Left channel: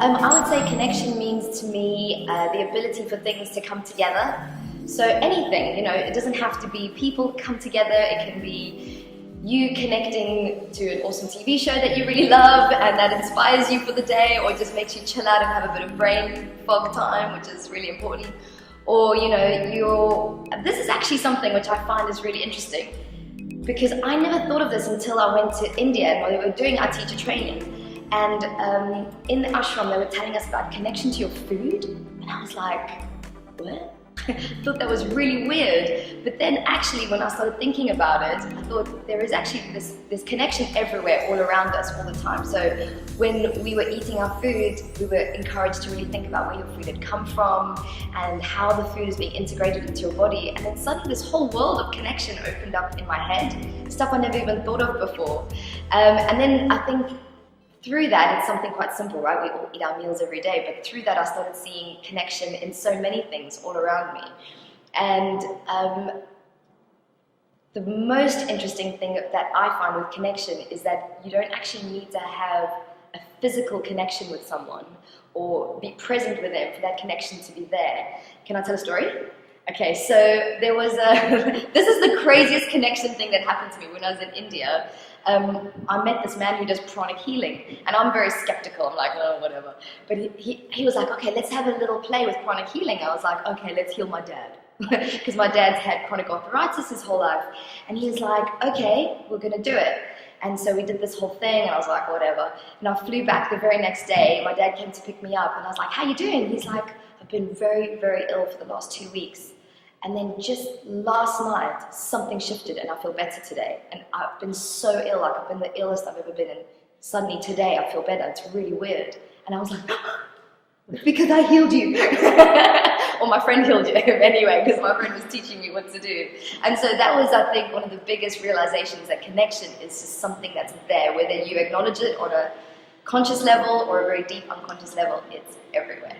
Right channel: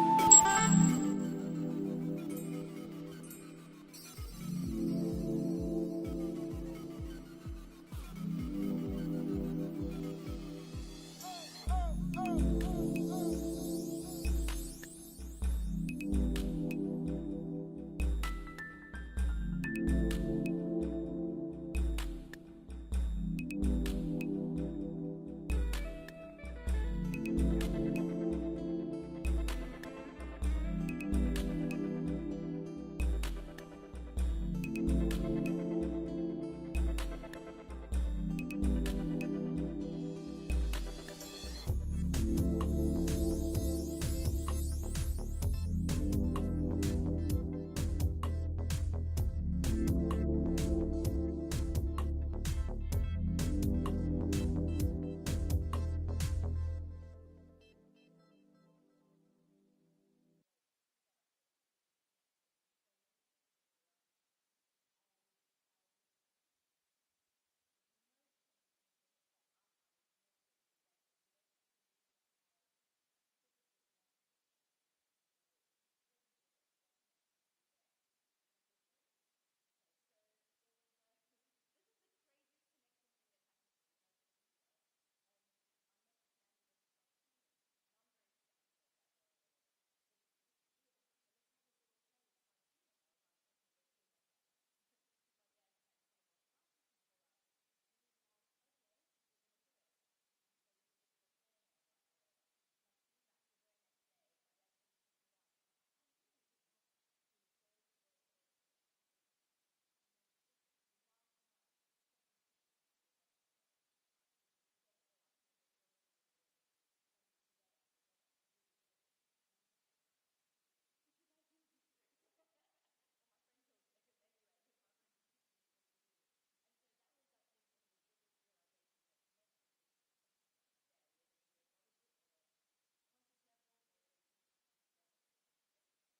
I would say connection means to me the ability for things to come together. So anything, it doesn't have to be people come together. It can be you connecting to an awesome TV show that you really love and that inspires you for the day, or just makes you chill out and have a bit of brain fog time, which is really important. Or this is actually something which I find is really interesting, because I never thought of this until I went to India and we were doing our teacher training. And in the ashram, they were telling us about connection to your food. And I was like, what? I thought that was really weird. But then actually, when I started thinking about it, I thought there is actually this connection everywhere, all around us, all the time. So when we were eating our food, we were encouraged to really think about where your food had come from and how the food is being integrated into your body. And then suddenly this whole world of connection opened up in my head, stuff I never even thought of before. And then I think through that, it's something quite simple, right? We all eat our meals every day, but through that I started seeing connection in so many things all around me. And the most interesting thing that I find with connection is that you don't actually need to have a physical connection with someone or be present with them for that connection to be there. Can I tell a story? Okay, so there was this is the craziest connection thing that happened to me when I was in India. I met this man who does pranic healing, and I'm very skeptical. I'm like, oh, whatever. But he was like, okay, let's have a little play with pranic healing. I was like, okay, let's heal my dad. Because my dad's had chronic arthritis his whole life. And he was like, okay, we're going to do it. And so we did this whole thing, and I was like, whatever. And I flew back the very next day. My dad came to pick me up, and I was like, how you doing? He's like, I've been very, very ill for the last 2 weeks. And then just last night, something shifted and I feel better today. And I've been so ill, like I've been the illest I've ever been, and suddenly today I feel better. It's really weird. And I was like, because I healed you. Or my friend healed you anyway, because my friend was teaching me what to do. And so that was, I think, one of the biggest realizations, that connection is just something that's there, whether you acknowledge it on a conscious level or a very deep unconscious level, it's everywhere.